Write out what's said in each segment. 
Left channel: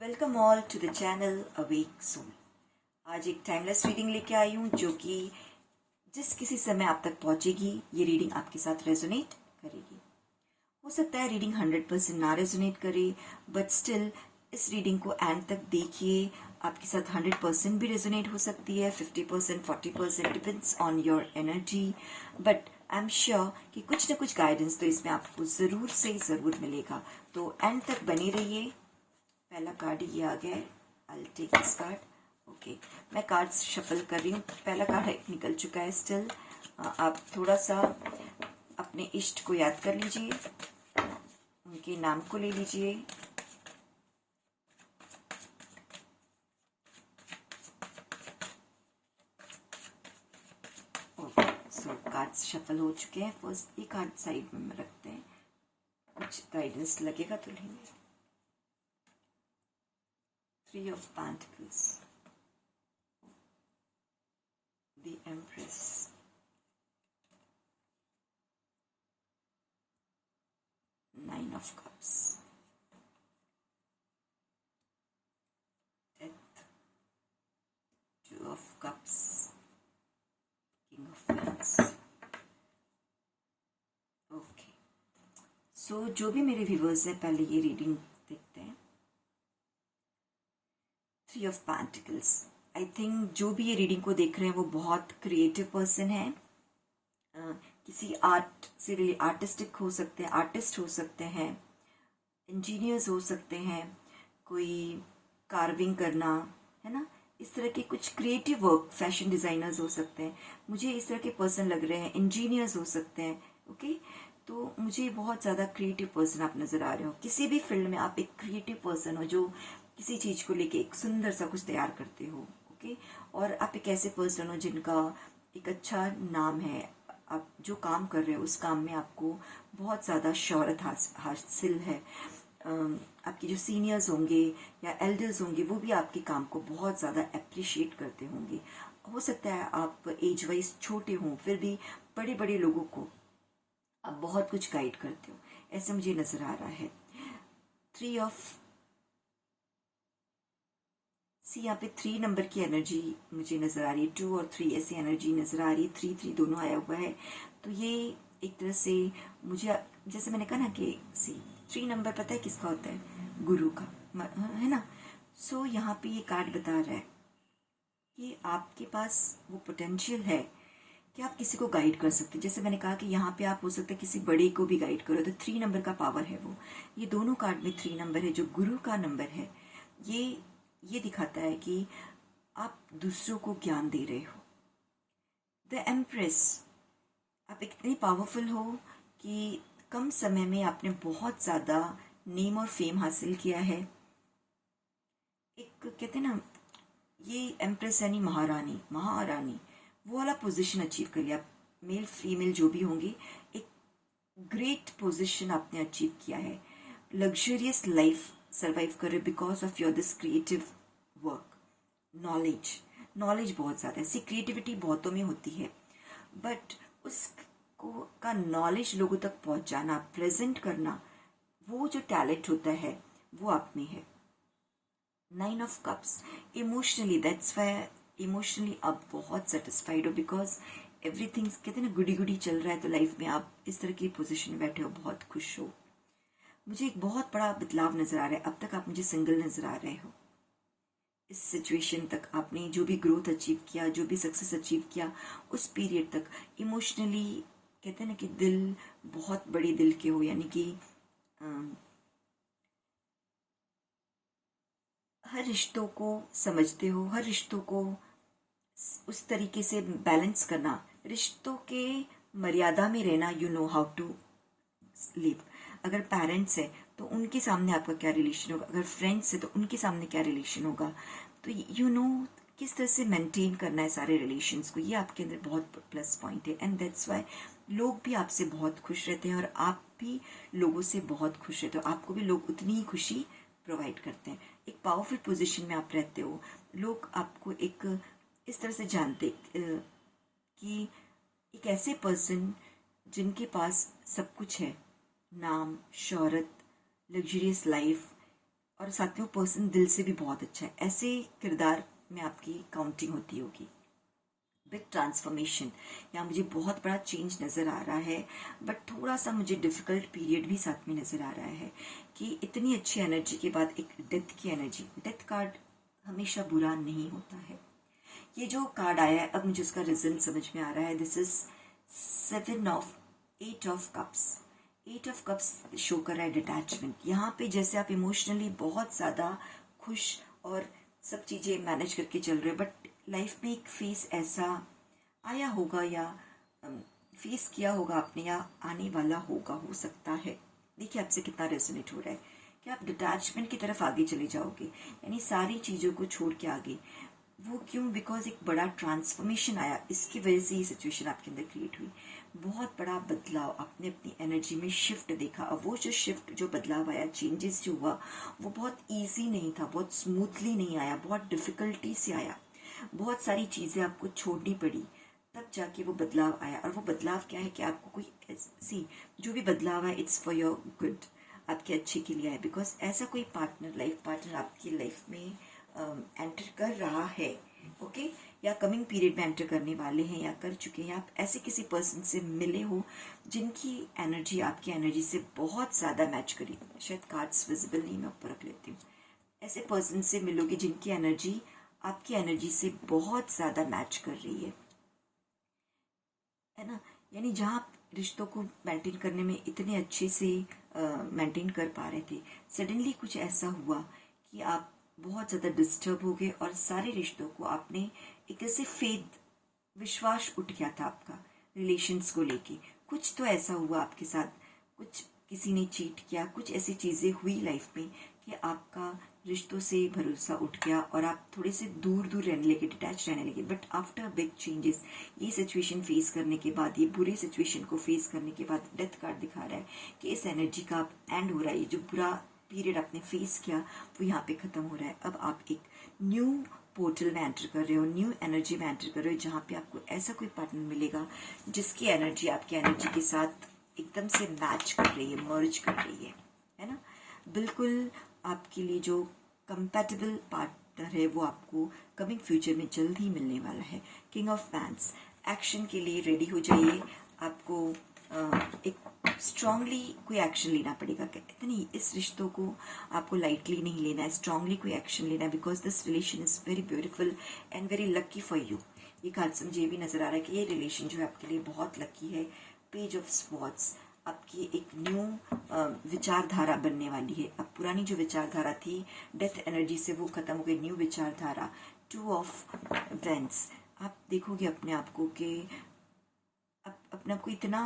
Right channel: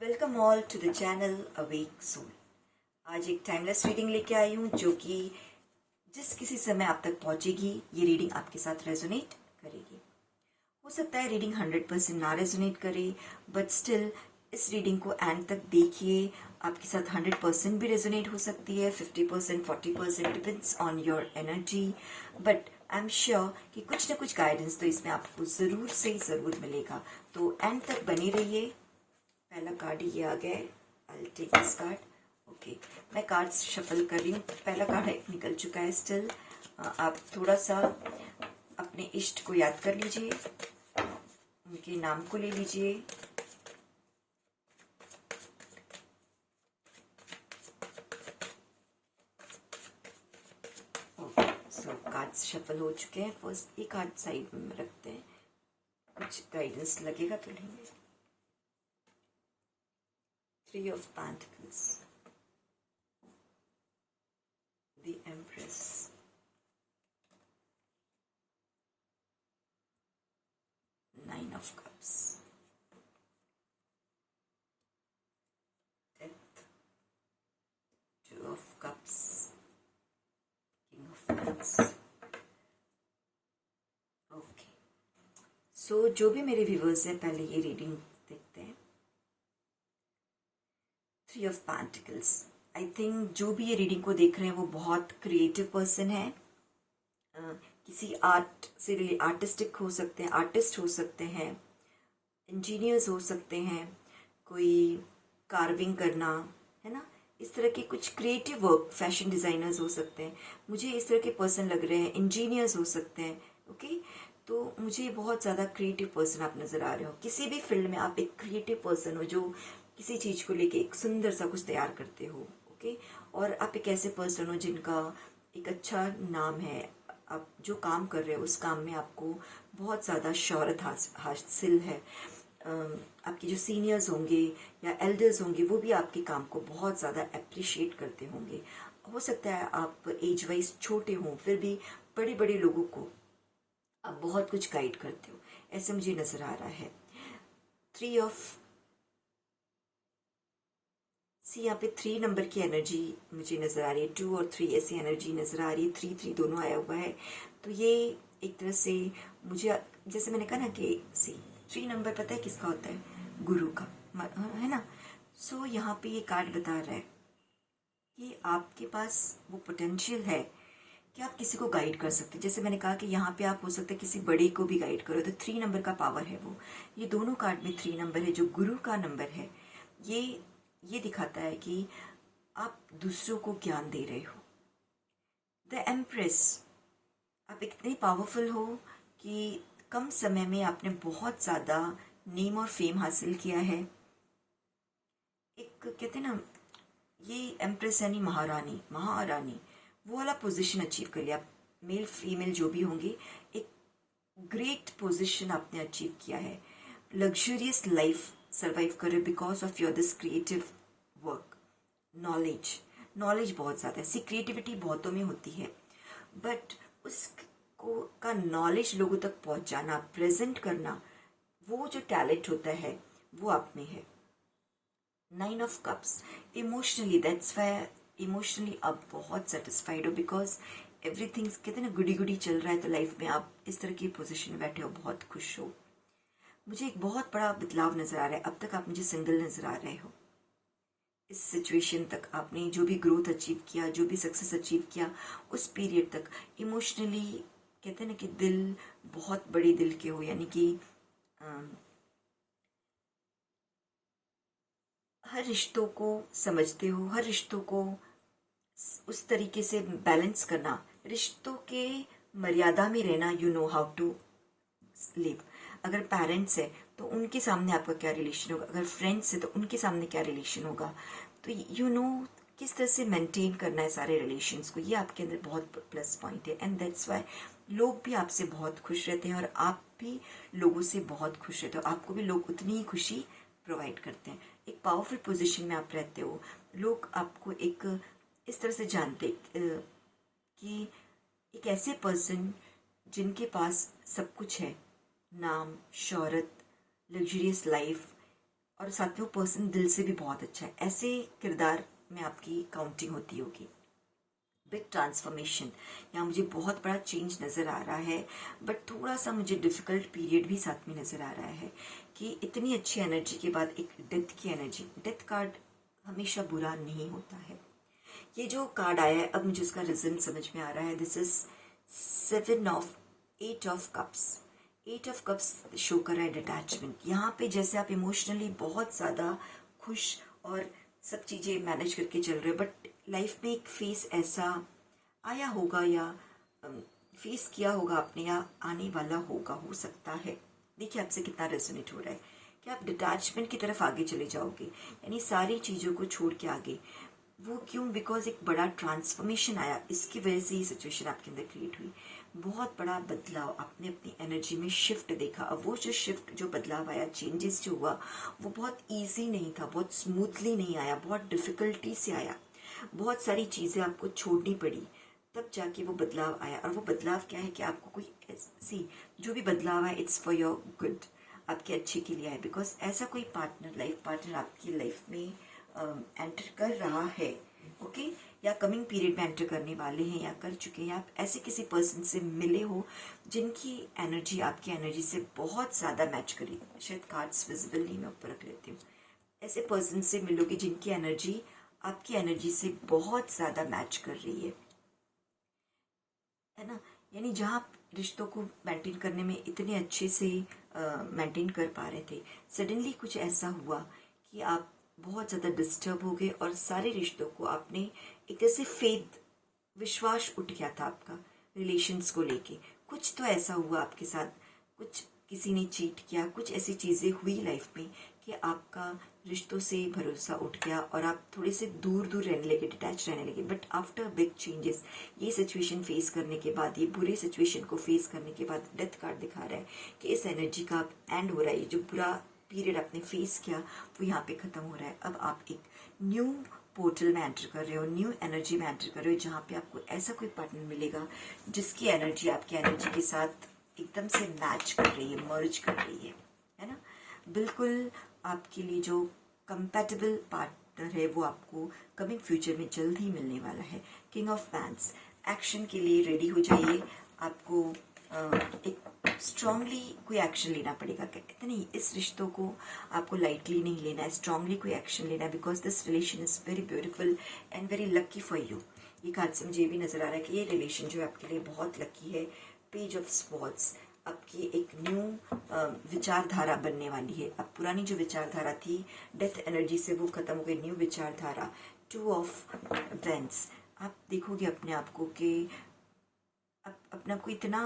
Welcome all to the channel awake soul. आज एक timeless reading लेके आई हूँ जो कि जिस किसी समय आप तक पहुंचेगी ये रीडिंग आपके साथ रेजोनेट करेगी। हो सकता है रीडिंग 100% ना रेजोनेट करे, बट स्टिल इस रीडिंग को एंड तक देखिए। आपके साथ 100% भी रेजोनेट हो सकती है, 50%, 40%, depends on your energy, but I am sure कि कुछ ना कुछ गाइडेंस तो इसमें आपको ज़रूर से ज़रूर मिलेगा। तो एंड तक बने रहिए। पहला कार्ड ये आ गया है, I will take this card. Okay, मैं कार्ड्स शफल कर रही हूँ। पहला कार्ड निकल चुका है। स्टिल आप थोड़ा सा अपने इष्ट को याद कर लीजिए, उनके नाम को ले लीजिए। ओके, सो कार्ड्स शफल हो चुके हैं। फर्स्ट ये कार्ड साइड में रखते हैं, कुछ गाइडेंस लगेगा तो लेंगे। 3 of Pentacles, the Empress, Nine of Cups, Death, 2 of Cups, King of Wands। Okay, so जो भी मेरे व्यूवर्स हैं पहले ये रीडिंग देखते हैं। 3 of Pentacles, आई थिंक जो भी ये रीडिंग को देख रहे हैं वो बहुत क्रिएटिव पर्सन है। किसी आर्ट से आर्टिस्टिक हो सकते हैं, आर्टिस्ट हो सकते हैं, इंजीनियर्स हो सकते हैं, कोई कार्विंग करना है ना, इस तरह के कुछ क्रिएटिव वर्क, फैशन डिजाइनर्स हो सकते हैं। मुझे इस तरह के पर्सन लग रहे हैं, इंजीनियर्स हो सकते हैं। ओके, तो मुझे बहुत ज़्यादा क्रिएटिव पर्सन आप नज़र आ रहे हो। किसी भी फील्ड में आप एक क्रिएटिव पर्सन हो जो किसी चीज़ को लेके एक सुंदर सा कुछ तैयार करते हो। ओके, और आप एक ऐसे पर्सन हो जिनका एक अच्छा नाम है। आप जो काम कर रहे हो उस काम में आपको बहुत ज़्यादा शोहरत हासिल है। आपके जो सीनियर्स होंगे या एल्डर्स होंगे वो भी आपके काम को बहुत ज़्यादा अप्रिशिएट करते होंगे। हो सकता है आप एज वाइज छोटे हों, फिर भी बड़े बड़े लोगों को आप बहुत कुछ गाइड करते हो, ऐसे मुझे नज़र आ रहा है। 3 ऑफ यहाँ पे 3 नंबर की एनर्जी मुझे नज़र आ रही है। 2 और 3 ऐसी एनर्जी नज़र आ रही है। 3 दोनों आया हुआ है, तो ये एक तरह से मुझे, जैसे मैंने कहा ना कि 3 नंबर पता है किसका होता है? गुरु का, है ना। सो यहाँ पे ये कार्ड बता रहा है कि आपके पास वो पोटेंशियल है कि आप किसी को गाइड कर सकते हैं। जैसे मैंने कहा कि यहाँ पे आप हो सकते हैं किसी बड़े को भी गाइड करो, तो 3 नंबर का पावर है वो। ये दोनों कार्ड में 3 नंबर है जो गुरु का नंबर है। ये दिखाता है कि आप दूसरों को ज्ञान दे रहे हो। द एम्प्रेस, आप इतने पावरफुल हो कि कम समय में आपने बहुत ज़्यादा नेम और फेम हासिल किया है। एक कहते हैं ना, ये एम्प्रेस यानी महारानी वो वाला पोजीशन अचीव कर लिया। मेल फीमेल जो भी होंगे, एक ग्रेट पोजीशन आपने अचीव किया है। लग्जरियस लाइफ सर्वाइव करे because of your this creative work. Knowledge बहुत ज़्यादा है। सी क्रिएटिविटी बहुतों में होती है, बट उसको का नॉलेज लोगों तक पहुंचाना, प्रेजेंट करना, वो जो टैलेंट होता है वो आप में है। 9 of cups, emotionally, that's why emotionally आप बहुत सेटिस्फाइड हो, बिकॉज एवरीथिंग कहते हैं ना, गुडी गुडी चल रहा है, तो लाइफ में आप इस तरह की पोजीशन में बैठे हो, बहुत खुश हो। मुझे एक बहुत बड़ा बदलाव नजर आ रहा है। अब तक आप मुझे सिंगल नजर आ रहे हो। इस सिचुएशन तक आपने जो भी ग्रोथ अचीव किया, जो भी सक्सेस अचीव किया, उस पीरियड तक इमोशनली कहते हैं ना कि दिल, बहुत बड़े दिल के हो, यानी कि हर रिश्तों को समझते हो, हर रिश्तों को उस तरीके से बैलेंस करना, रिश्तों के मर्यादा में रहना। You know how to live. अगर पेरेंट्स है तो उनके सामने आपका क्या रिलेशन होगा, अगर फ्रेंड्स है तो उनके सामने क्या रिलेशन होगा, तो यू नो किस तरह से मेंटेन करना है सारे रिलेशंस को। ये आपके अंदर बहुत प्लस पॉइंट है, एंड दैट्स वाई लोग भी आपसे बहुत खुश रहते हैं और आप भी लोगों से बहुत खुश रहते हो। आपको भी लोग उतनी ही खुशी प्रोवाइड करते हैं। एक पावरफुल पोजीशन में आप रहते हो। लोग आपको एक इस तरह से जानते कि एक ऐसे पर्सन जिनके पास सब कुछ है, नाम, शोहरत, लग्जरियस लाइफ, और साथ में वो पर्सन दिल से भी बहुत अच्छा है। ऐसे किरदार में आपकी काउंटिंग होती होगी। बिग ट्रांसफॉर्मेशन, यहाँ मुझे बहुत बड़ा चेंज नज़र आ रहा है, बट थोड़ा सा मुझे डिफिकल्ट पीरियड भी साथ में नज़र आ रहा है कि इतनी अच्छी एनर्जी के बाद एक डेथ की एनर्जी। डेथ कार्ड हमेशा बुरा नहीं होता है। ये जो कार्ड आया है, अब मुझे इसका रीजन समझ में आ रहा है। This is 8 of cups. 8 of cups show कर रहा है डिटैचमेंट। यहाँ पे जैसे आप इमोशनली बहुत ज़्यादा खुश और सब चीज़ें मैनेज करके चल रहे हो, बट लाइफ में एक फेस ऐसा आया होगा या फेस किया होगा आपने, या आने वाला होगा, हो सकता है। देखिए आपसे कितना रेजोनेट हो रहा है कि आप डिटैचमेंट की तरफ आगे चले जाओगे, यानी सारी चीज़ों को छोड़ के आगे। वो क्यों? बिकॉज एक बड़ा ट्रांसफॉर्मेशन आया, इसकी वजह से ये सिचुएशन आपके अंदर क्रिएट हुई। बहुत बड़ा बदलाव, आपने अपनी एनर्जी में शिफ्ट देखा। अब वो जो शिफ्ट, जो बदलाव आया, चेंजेस जो हुआ, वो बहुत इजी नहीं था, बहुत स्मूथली नहीं आया, बहुत डिफिकल्टी से आया। बहुत सारी चीज़ें आपको छोड़नी पड़ी, तब जाके वो बदलाव आया। और वो बदलाव क्या है कि आपको कोई सी जो भी बदलाव है, इट्स फॉर योर गुड, आपके अच्छे के लिए है। बिकॉज ऐसा कोई पार्टनर, लाइफ पार्टनर आपकी लाइफ में एंटर कर रहा है, ओके, या कमिंग पीरियड में एंटर करने वाले हैं या कर चुके हैं। आप ऐसे किसी पर्सन से मिले हो जिनकी एनर्जी आपकी एनर्जी से बहुत ज़्यादा मैच करी। शायद कार्ड्स विजिबल नहीं, मैं ऊपर रख लेती हूँ। ऐसे पर्सन से मिलोगे जिनकी एनर्जी आपकी एनर्जी से बहुत ज़्यादा मैच कर रही है ना। यानी जहाँ आप रिश्तों को मेंटेन करने में इतने अच्छे से मेंटेन कर पा रहे थे, सडनली कुछ ऐसा हुआ कि आप बहुत ज़्यादा डिस्टर्ब हो गए और सारे रिश्तों को आपने एक ऐसे फेथ, विश्वास उठ गया था आपका रिलेशंस को लेके। कुछ तो ऐसा हुआ आपके साथ, कुछ किसी ने चीट किया, कुछ ऐसी चीज़ें हुई लाइफ में कि आपका रिश्तों से भरोसा उठ गया और आप थोड़े से दूर दूर रहने लगे, डिटैच रहने लगे। बट आफ्टर बिग चेंजेस, ये सिचुएशन फेस करने के बाद, ये बुरे सिचुएशन को फेस करने के बाद, डेथ कार्ड दिखा रहा है कि इस एनर्जी का एंड हो रहा है। ये जो बुरा पीरियड आपने फेस किया वो यहाँ पे खत्म हो रहा है। अब आप एक न्यू पोर्टल में एंटर कर रहे हो, न्यू एनर्जी में एंटर कर रहे हो, जहाँ पे आपको ऐसा कोई पार्टनर मिलेगा जिसकी एनर्जी आपकी एनर्जी के साथ एकदम से मैच कर रही है, मर्ज कर रही है ना। बिल्कुल आपके लिए जो कंपैटिबल पार्टनर है वो आपको कमिंग फ्यूचर में जल्द ही मिलने वाला है। किंग ऑफ वैंड्स, एक्शन के लिए रेडी हो जाइए। आपको एक स्ट्रांगली कोई एक्शन लेना पड़ेगा। कहते नहीं, इस रिश्तों को आपको लाइटली नहीं लेना है, स्ट्रांगली कोई एक्शन लेना है, because this relation is very beautiful and very lucky for you. ये कार्ड से मुझे भी नजर आ रहा है कि ये रिलेशन जो है आपके लिए बहुत लकी है। पेज ऑफ स्वॉर्ड्स, आपकी एक न्यू विचारधारा बनने वाली है। अब पुरानी जो विचारधारा थी डेथ एनर्जी से, वो खत्म हो गई, न्यू विचारधारा। 2 ऑफ वेंड्स, आप देखोगे अपने आप को कि अपने आप को इतना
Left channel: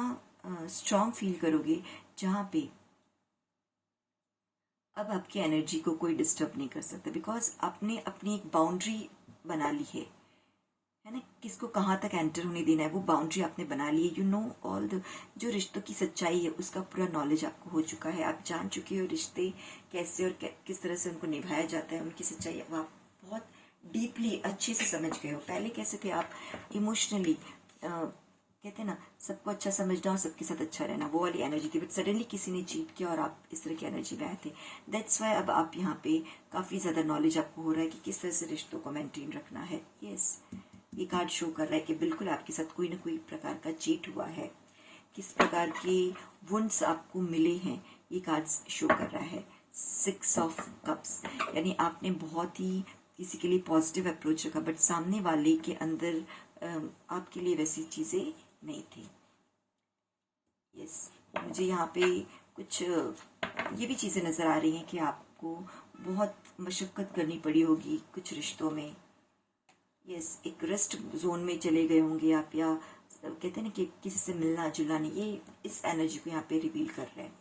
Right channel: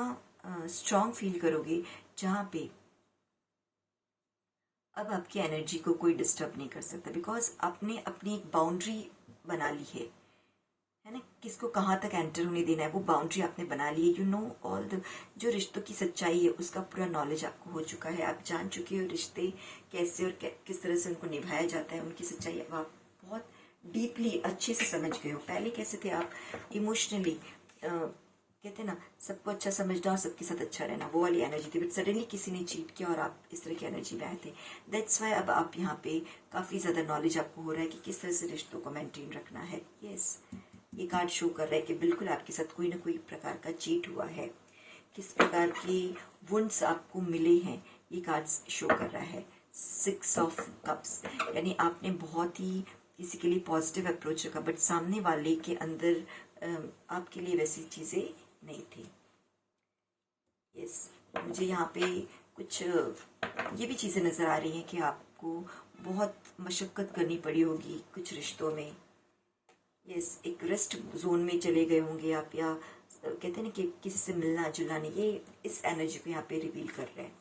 स्ट्रांग फील करोगे जहाँ पे अब आपकी एनर्जी को कोई डिस्टर्ब नहीं कर सकता, बिकॉज आपने अपनी एक बाउंड्री बना ली है ना। किसको कहाँ तक एंटर होने देना है, वो बाउंड्री आपने बना ली है। यू नो ऑल द, जो रिश्तों की सच्चाई है उसका पूरा नॉलेज आपको हो चुका है। आप जान चुके हो रिश्ते कैसे और किस तरह से उनको निभाया जाता है, उनकी सच्चाई अब आप बहुत डीपली अच्छे से समझ गए हो। पहले कैसे थे आप, इमोशनली कहते हैं ना, सबको अच्छा समझना और सबके साथ अच्छा रहना, वो वाली एनर्जी थी। बट सडनली किसी ने चीट किया और आप इस तरह की एनर्जी में आए थे। दैट्स वाई अब आप यहाँ पे काफ़ी ज़्यादा नॉलेज आपको हो रहा है कि किस तरह से रिश्तों को मेंटेन रखना है। यस, ये कार्ड शो कर रहा है कि बिल्कुल आपके साथ कोई ना कोई प्रकार का चीट हुआ है, किस प्रकार की वुंड्स आपको मिले हैं, ये कार्ड शो कर रहा है। 6 ऑफ कप्स, यानी आपने बहुत ही किसी के लिए पॉजिटिव अप्रोच रखा, बट सामने वाले के अंदर आपके लिए वैसी चीज़ें नहीं थी। यस, मुझे यहाँ पे कुछ ये भी चीज़ें नज़र आ रही हैं कि आपको बहुत मशक्क़त करनी पड़ी होगी कुछ रिश्तों में। यस, एक रेस्ट जोन में चले गए होंगे आप, या कहते हैं ना कि किसी से मिलना जुलना नहीं, ये इस एनर्जी को यहाँ पे रिवील कर रहे हैं।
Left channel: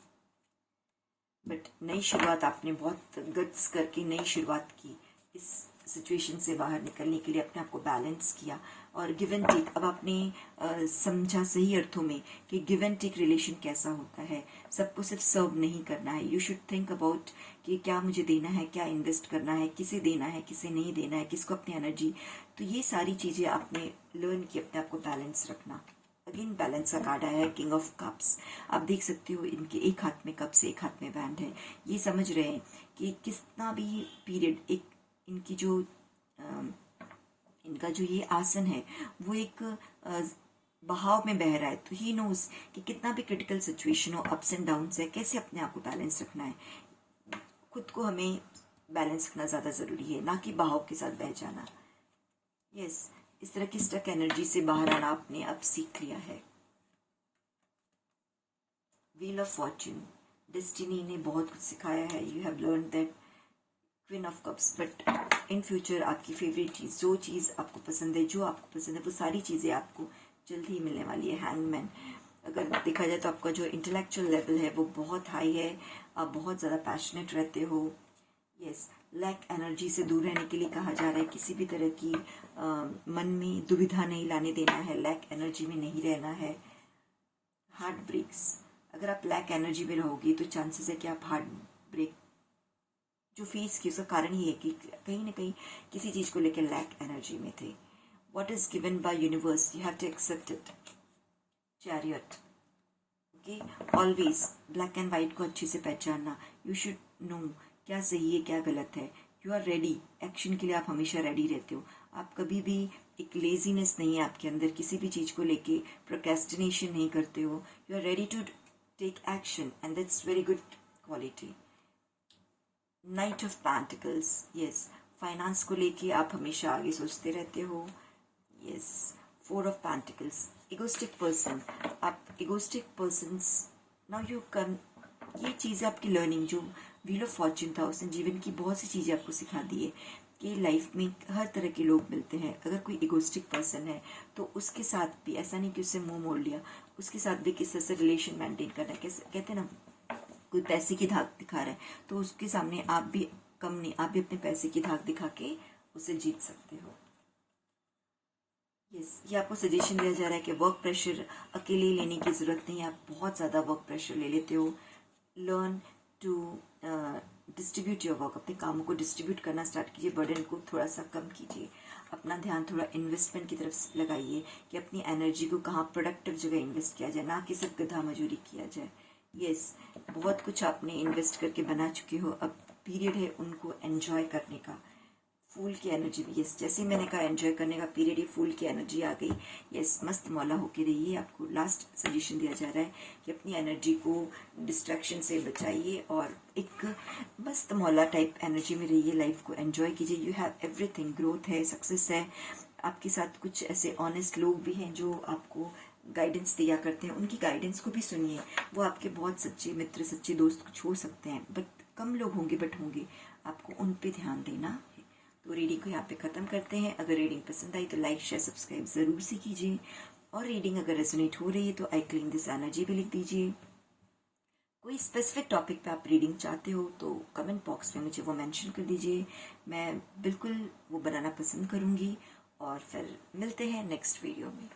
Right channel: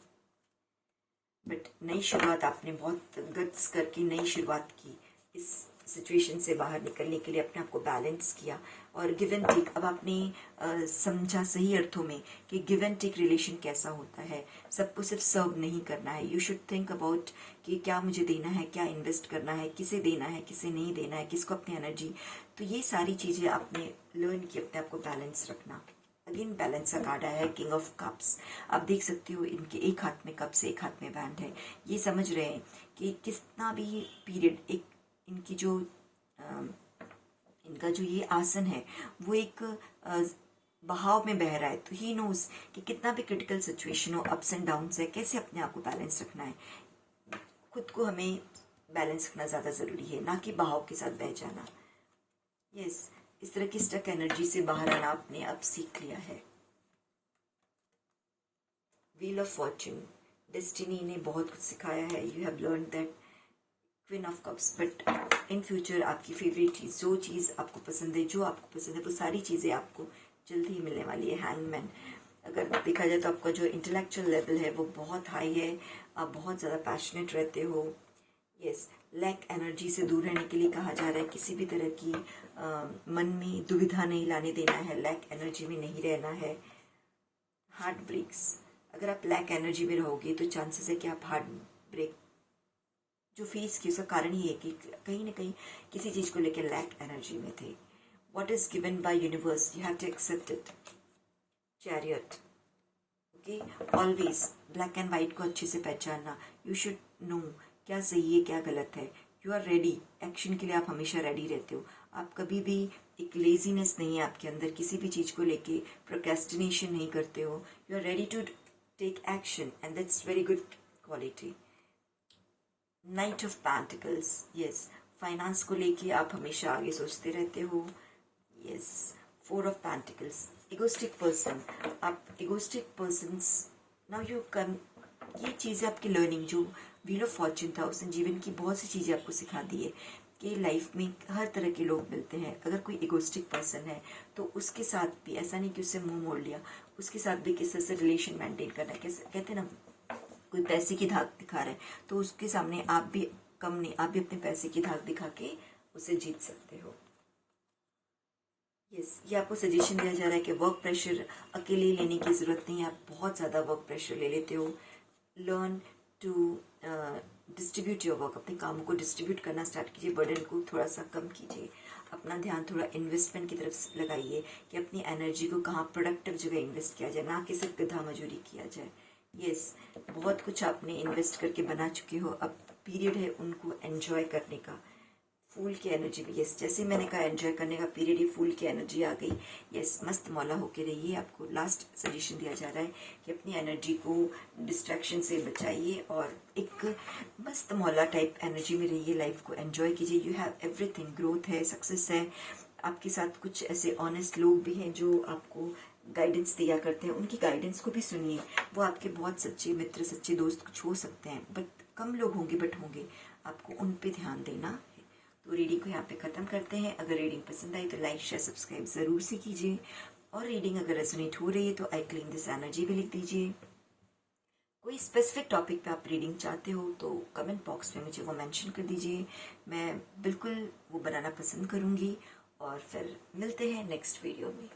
बट नई शुरुआत आपने बहुत गट्स करके नई शुरुआत की, इस सिचुएशन से बाहर निकलने के लिए अपने आप को बैलेंस किया और गिव एंड टेक। अब आपने समझा सही अर्थों में कि गिव एंड टेक रिलेशन कैसा होता है। सबको सिर्फ सर्व नहीं करना है, यू शुड थिंक अबाउट कि क्या मुझे देना है, क्या इन्वेस्ट करना है, किसे देना है, किसे नहीं देना है, किसको अपनी एनर्जी। तो ये सारी चीज़ें आपने लर्न की, अपने आप को बैलेंस रखना। अगेन बैलेंस का कार्ड आया है, किंग ऑफ कप्स। आप देख सकते हो इनके एक हाथ में कप्स, एक हाथ में बैंड है। ये समझ रहे हैं कि कितना भी पीरियड एक इनकी जो इनका जो ये आसन है वो एक बहाव में बह रहा है, तो ही नोज कि कितना भी क्रिटिकल सिचुएशन हो, अप्स एंड डाउन्स है, कैसे अपने आप को बैलेंस रखना है। खुद को हमें बैलेंस रखना ज़्यादा ज़रूरी है, ना कि बहाव के साथ बह जाना। यस, इस तरह की स्टक एनर्जी से बाहर आना आपने अब सीख लिया है। व्हील ऑफ फॉर्च्यून, डेस्टिनी ने बहुत कुछ सिखाया है। You have learn that queen of cups, but in future आपकी फेवरेट चीज़, जो चीज़ आपको पसंद है, जो आपको पसंद है, वो सारी चीज़ें आपको जल्द ही मिलने वाली है। हैंगमैन, अगर देखा जाए तो आपका जो इंटेलेक्चुअल लेवल है वो बहुत हाई है, आप बहुत ज़्यादा पैशनेट रहते हो। यस, लैक एनर्जी से दूर रहने के लिए कहा जा रहा है, किसी भी तरह की मन में दुविधा नहीं लाने देना है, लैक एनर्जी में नहीं रहना है। हार्ट ब्रेक्स, अगर आप लैक एनर्जी में रहोगे तो चांसेस है कि आप हार्ट ब्रेक जो फेस की, उसका कारण ही है कि कहीं ना कहीं किसी चीज़ को लेकर लैक एनर्जी में थे। What is given by universe, you have to accept it. Chariot, okay, always black and white को अच्छे से पहचानना। You should know क्या सही है क्या गलत है। You are ready, एक्शन के लिए आप हमेशा रेडी रहते हो। आप कभी भी एक लेजीनेस नहीं है आपके अंदर, किसी भी चीज़ को लेके प्रोक्रेस्टिनेशन नहीं करते हो। You are ready to take action and that's very good quality. Knight of Pentacles, yes, finance को लेके आप हमेशा आगे सोचते रहते हो। Yes, 4 of pentacles, egoistic person, आप egoistic persons now you come, ये चीज़ें आपकी लर्निंग जो व्हील ऑफ फॉर्च्यून था उसने जीवन की बहुत सी चीज़ें आपको सिखा दी है कि लाइफ में हर तरह के लोग मिलते हैं। अगर कोई इगोस्टिक पर्सन है तो उसके साथ भी ऐसा नहीं कि उससे मुंह मोड़ लिया, उसके साथ भी किस तरह से रिलेशन मेंटेन करना है। कैसे कहते हैं ना, कोई पैसे की धाक दिखा रहा है तो उसके सामने आप भी कम नहीं, आप भी अपने पैसे की धाक दिखा के उसे जीत सकते हो। यस, ये आपको सजेशन दिया जा रहा है कि वर्क प्रेशर अकेले लेने की ज़रूरत नहीं है, आप बहुत ज़्यादा वर्क प्रेशर ले लेते हो। Learn to distribute your work, अपने कामों को डिस्ट्रीब्यूट करना स्टार्ट कीजिए, बर्डन को थोड़ा सा कम कीजिए, अपना ध्यान थोड़ा इन्वेस्टमेंट की तरफ लगाइए कि अपनी एनर्जी को कहाँ प्रोडक्टिव जगह इन्वेस्ट किया जाए, ना कि सिर्फ गधा मजूरी किया जाए। यस, बहुत कुछ आपने इन्वेस्ट करके बना चुके हो, अब पीरियड है उनको एंजॉय करने का। फूल की एनर्जी भी, यस, जैसे मैंने कहा एंजॉय करने का पीरियड ही, फूल की एनर्जी आ गई। यस, मस्त मौला होके रहिए। आपको लास्ट सजेशन दिया जा रहा है कि अपनी एनर्जी को डिस्ट्रैक्शन से बचाइए और एक मस्त मौला टाइप एनर्जी में रहिए, लाइफ को एंजॉय कीजिए। यू हैव एवरीथिंग, ग्रोथ है, सक्सेस है, आपके साथ कुछ ऐसे ऑनेस्ट लोग भी हैं जो आपको गाइडेंस दिया करते हैं, उनकी गाइडेंस को भी सुनिए। वो आपके बहुत सच्चे मित्र, सच्चे दोस्त कुछ हो सकते हैं, बट कम लोग होंगे, बट होंगे, आपको उन पे ध्यान देना है। तो रीडिंग को यहाँ पे ख़त्म करते हैं। अगर रीडिंग पसंद आई तो लाइक शेयर सब्सक्राइब ज़रूर से कीजिए, और रीडिंग अगर रेजोनेट हो रही है तो आई क्लेम दिस एनर्जी भी लिख दीजिए। कोई स्पेसिफिक टॉपिक पे आप रीडिंग चाहते हो तो कमेंट बॉक्स में मुझे वो मेंशन कर दीजिए, मैं बिल्कुल वो बनाना पसंद करूँगी। और फिर मिलते हैं नेक्स्ट वीडियो में।